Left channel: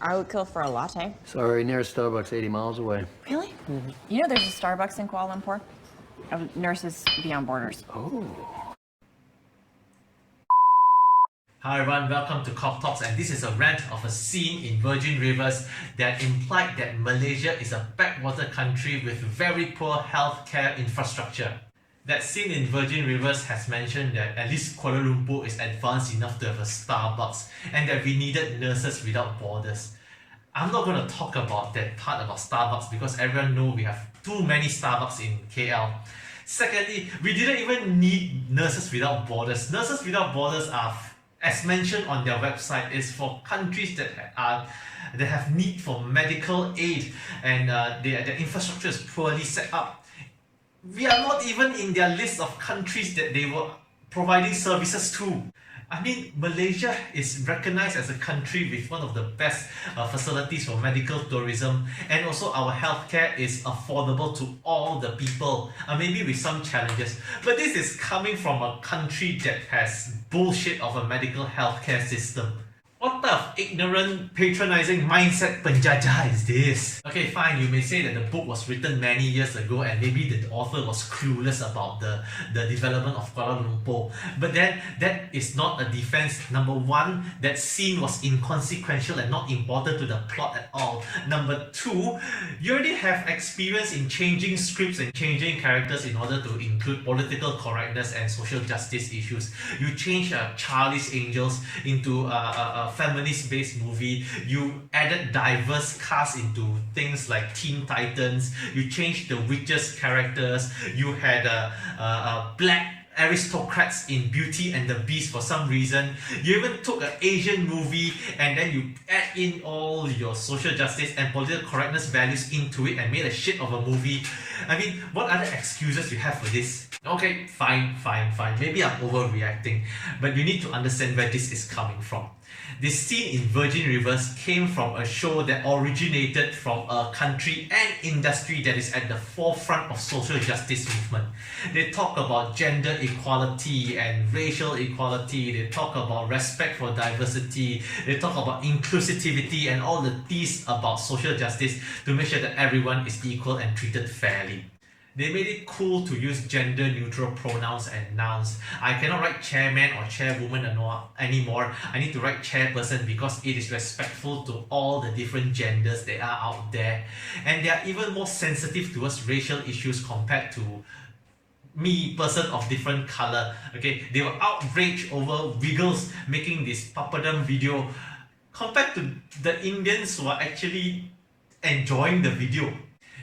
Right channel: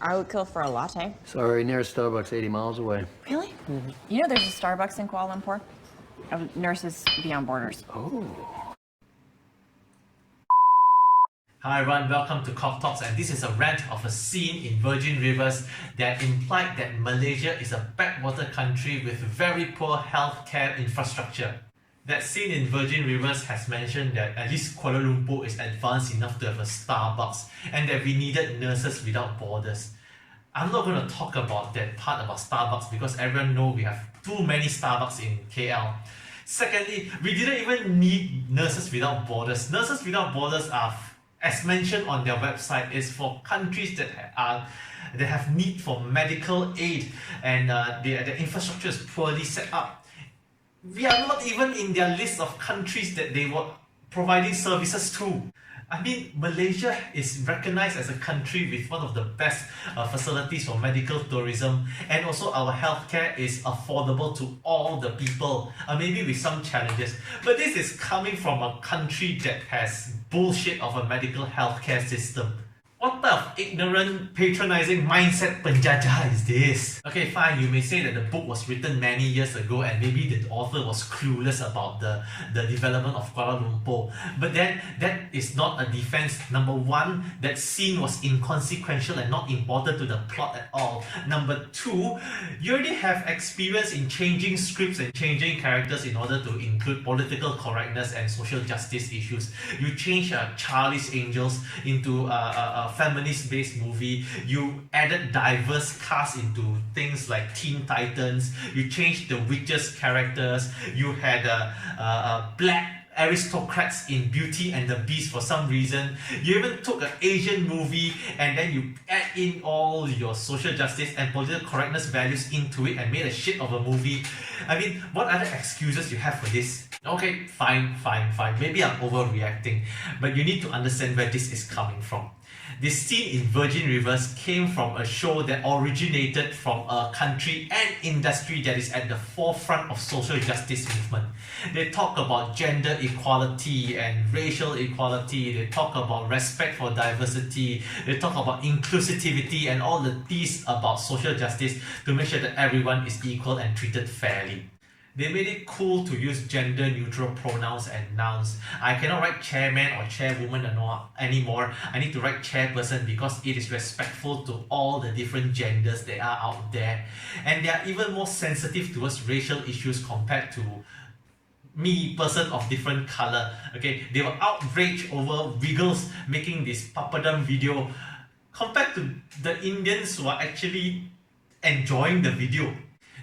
I would kill for a latte. Sorry, nearest Starbucks 80 miles away. Really? You know there's a Starbucks in Kuala Lumpur? Of Nurses Beyond Borders. Oh. Hi everyone, welcome to Cock Talks, and this is a rant of a scene in Virgin Rivers that implied that Malaysia is a backwater country with very poor healthcare infrastructure. That scene in Virgin Rivers has mentioned that at least Kuala Lumpur is advanced enough to have a Starbucks and that we needed nurses without borders. I'm not going to talk about that part about Starbucks because everyone knows we have too many Starbucks in KL. Secondly, we didn't even need nurses without borders. Nurses without borders are, as mentioned on their website, is for countries that have need for medical aid and their infrastructure is poorly set up. We are not even in their list of countries that they were providing services to. I mean, Malaysia is recognized as a country with one of the best facilities for medical tourism, and also our healthcare is affordable to all the people, maybe with some challenges. But this is coming from a country that has bullshit of a medical healthcare system. What type of ignorant, patronizing mindset penjajah is this? Okay, fine, you may say that the book was written many years ago and maybe the author was clueless about the development of Kuala Lumpur. But then, that is not a defense. Number one, that scene was inconsequential and not important to the plot at all. Number two, you already have experience in changing scripts and changing characters in order to include political correctness and social justice issues. You change Charlie's Angels into a feminist-based movie. You added diverse cast into things like Teen Titans. You changed the witches' characters. You had black aristocrats in Beauty and the Beast for some reason. You even took an Asian movie and then you add in all your social justice and political correctness values into it and made a shit of a movie. I mean, what other excuses you have for this? Okay, fine. Maybe I'm overreacting, but you need to understand where this is coming from. This scene in Virgin Rivers came from a show that originated from a country and industry that is at the forefront of social justice movement. They talk about gender equality and racial equality. They talk about respect for diversity. They talk about inclusivity and all the T's about social justice to make sure that everyone is equal and treated fairly. They made it cool to use gender-neutral pronouns and nouns. I cannot write chairman or chairwoman anymore. I need to write chairperson because it is respectful to all the different genders that are out there. And they are even more sensitive towards racial issues compared to me, person of different color. Okay, they were outraged over Wiggles making this papadum video compared to the Indians who are actually enjoying the video.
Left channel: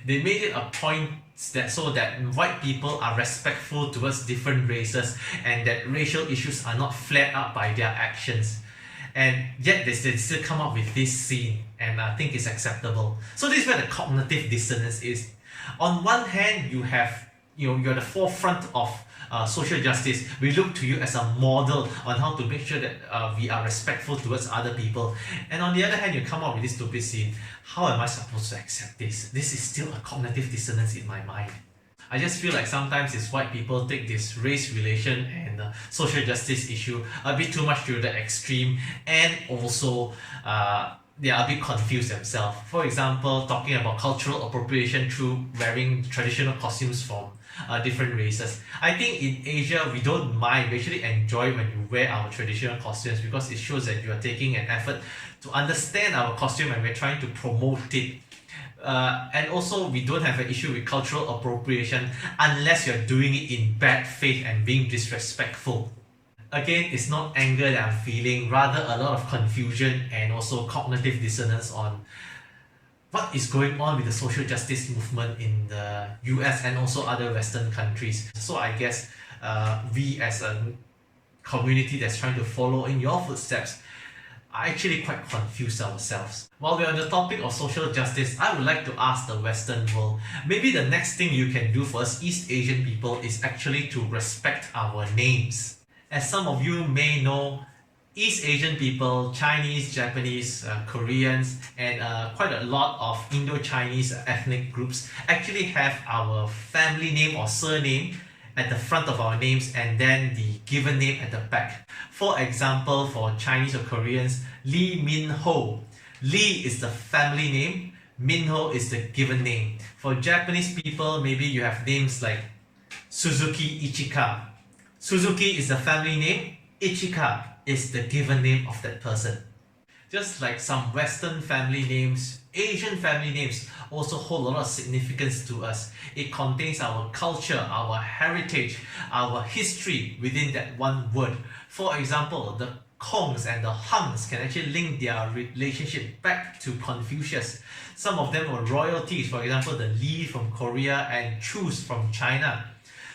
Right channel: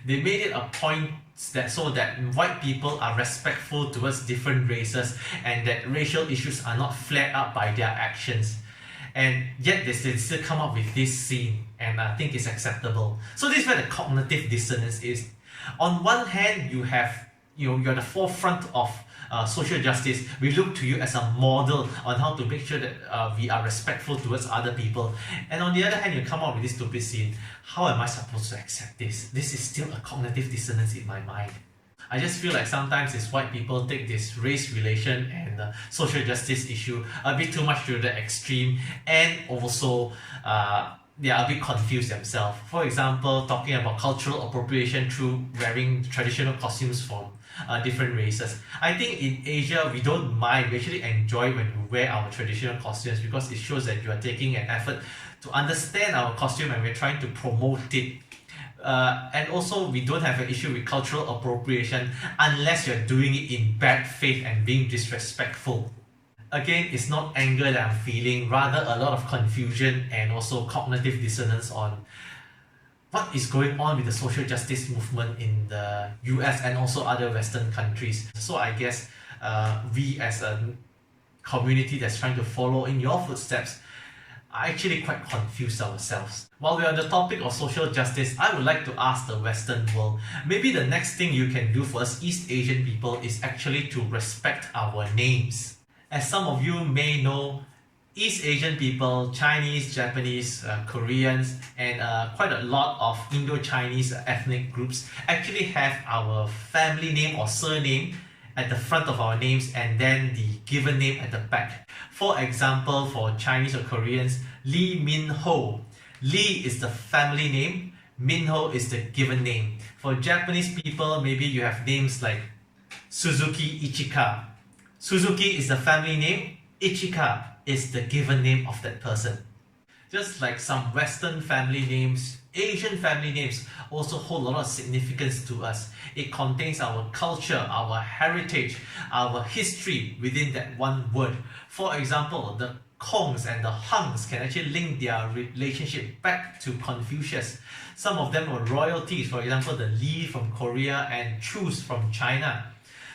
They made it a point so that white people are respectful towards different races and that racial issues are not flared up by their actions. And yet they still come up with this scene, and I think it's acceptable. So this is where the cognitive dissonance is. On one hand, you're the forefront of social justice. We look to you as a model on how to make sure that we are respectful towards other people. And on the other hand, you come up with this stupid scene. How am I supposed to accept this? This is still a cognitive dissonance in my mind. I just feel like sometimes it's white people take this race relation and social justice issue a bit too much to the extreme, and also they are a bit confused themselves. For example, talking about cultural appropriation through wearing traditional costumes from different races. I think in Asia, we don't mind. We actually enjoy when you wear our traditional costumes because it shows that you are taking an effort to understand our costume and we're trying to promote it. And also, we don't have an issue with cultural appropriation unless you're doing it in bad faith and being disrespectful. Again, it's not anger that I'm feeling, rather a lot of confusion and also cognitive dissonance on what is going on with the social justice movement in the US and also other Western countries. So I guess we as a community that's trying to follow in your footsteps are actually quite confused ourselves. While we're on the topic of social justice, I would like to ask the Western world, maybe the next thing you can do for us East Asian people is actually to respect our names. As some of you may know, East Asian people, Chinese, Japanese, Koreans, and quite a lot of Indo-Chinese ethnic groups actually have our family name or surname at the front of our names and then the given name at the back. For example, for Chinese or Koreans, Lee Min Ho. Lee is the family name. Minho is the given name. For Japanese people, maybe you have names like Suzuki Ichika. Suzuki is the family name. Ichika is the given name of that person. Just like some Western family names, Asian family names also hold a lot of significance to us. It contains our culture, our heritage, our history within that one word. For example, the Kongs and the Hangs can actually link their relationship back to Confucius. Some of them were royalties, for example, the Li from Korea and Chus from China.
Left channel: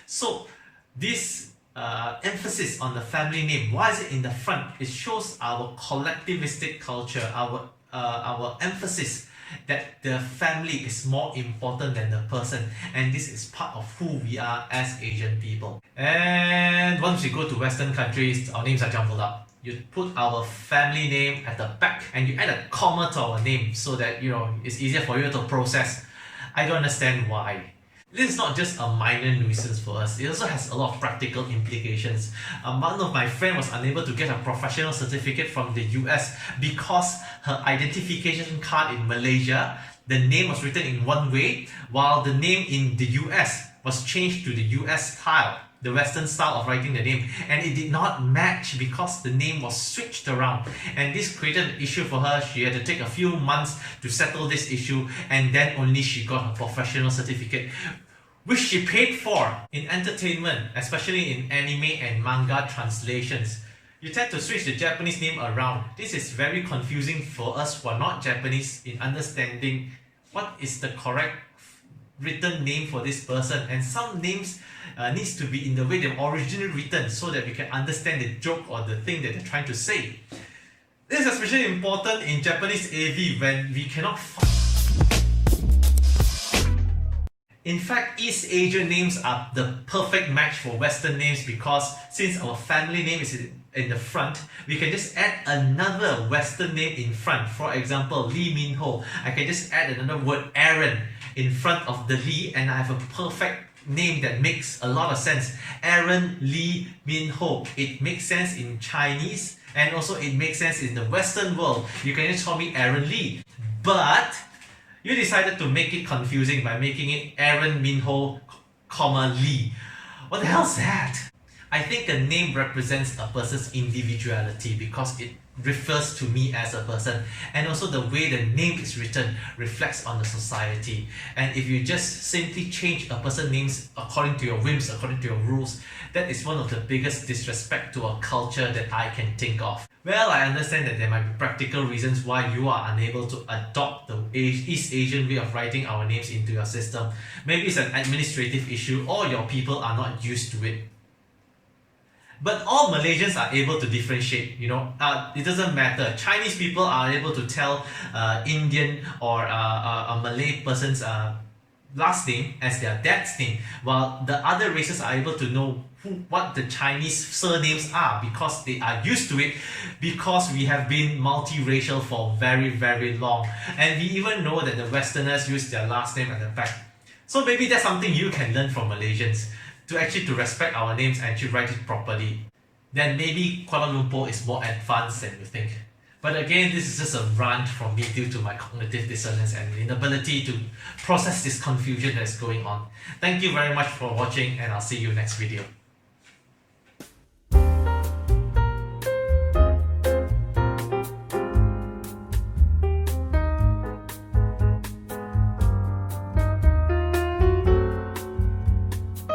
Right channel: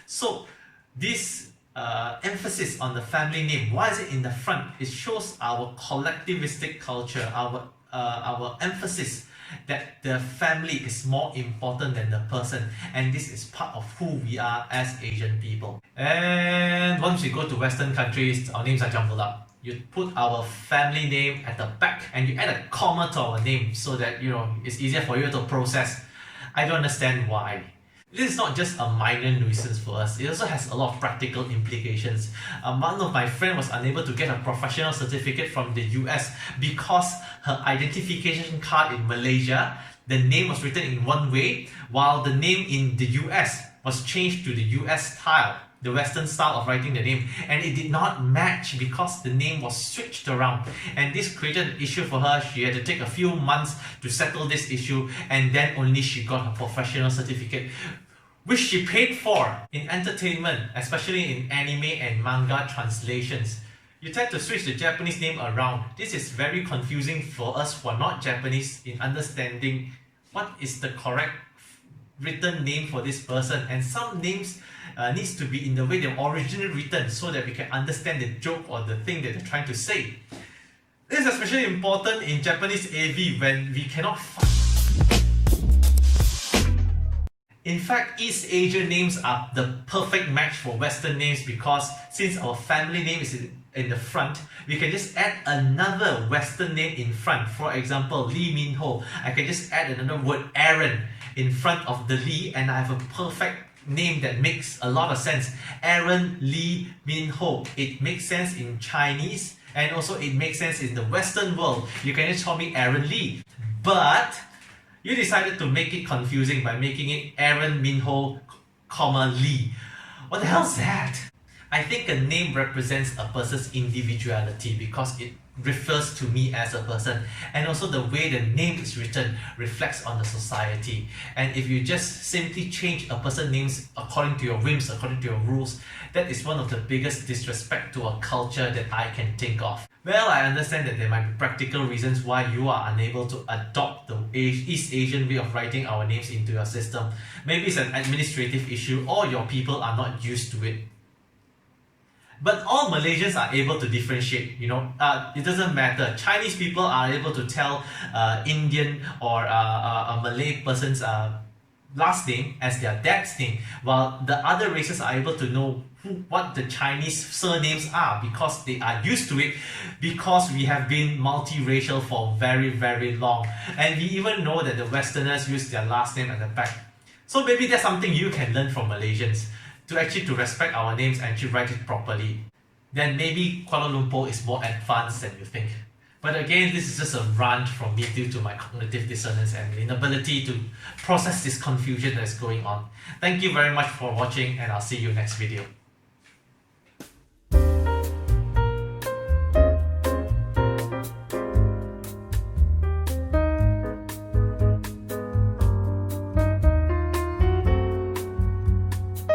So this emphasis on the family name, why is it in the front? It shows our collectivistic culture, our emphasis that the family is more important than the person, and this is part of who we are as Asian people. And once we go to Western countries, our names are jumbled up. You put our family name at the back and you add a comma to our name so that it's easier for you to process. I don't understand why. This is not just a minor nuisance for us, it also has a lot of practical implications. One of my friends was unable to get a professional certificate from the US because her identification card in Malaysia, the name was written in one way, while the name in the US was changed to the US style, the Western style of writing the name, and it did not match because the name was switched around, and this created an issue for her. She had to take a few months to settle this issue, and then only she got her professional certificate, which she paid for. In entertainment, especially in anime and manga translations, you tend to switch the Japanese name around. This is very confusing for us who are not Japanese in understanding what is the correct written name for this person, and some names needs to be in the way they were originally written so that we can understand the joke or the thing that they're trying to say. This is especially important in Japanese AV when we cannot find. In fact, East Asian names are the perfect match for Western names because since our family name is in the front, we can just add another Western name in front. For example, Lee Min Ho. I can just add another word Aaron in front of the Lee and I have a perfect name that makes a lot of sense. Aaron Lee Min Ho. It makes sense in Chinese and also it makes sense in the Western world. You can just call me Aaron Lee. But you decided to make it confusing by making it Aaron Min Ho, Lee. What the hell is that? I think a name represents a person's individuality because it refers to me as a person, and also the way the name is written reflects on the society. And if you just simply change a person's names according to your whims, according to your rules, that is one of the biggest disrespect to a culture that I can think of. Well, I understand that there might be practical reasons why you are unable to adopt the East Asian way of writing our names into your system. Maybe it's an administrative issue or your people are not used to it. But all Malaysians are able to differentiate, it doesn't matter. Chinese people are able to tell Indian or a Malay person's last name as their dad's name, while the other races are able to know what the Chinese surnames are because they are used to it, because we have been multiracial for very, very long. And we even know that the Westerners use their last name at the back. So maybe that's something you can learn from Malaysians, to respect our names and to write it properly. Then maybe Kuala Lumpur is more advanced than you think. But again, this is just a rant from me due to my cognitive dissonance and inability to process this confusion that is going on. Thank you very much for watching and I'll see you next video.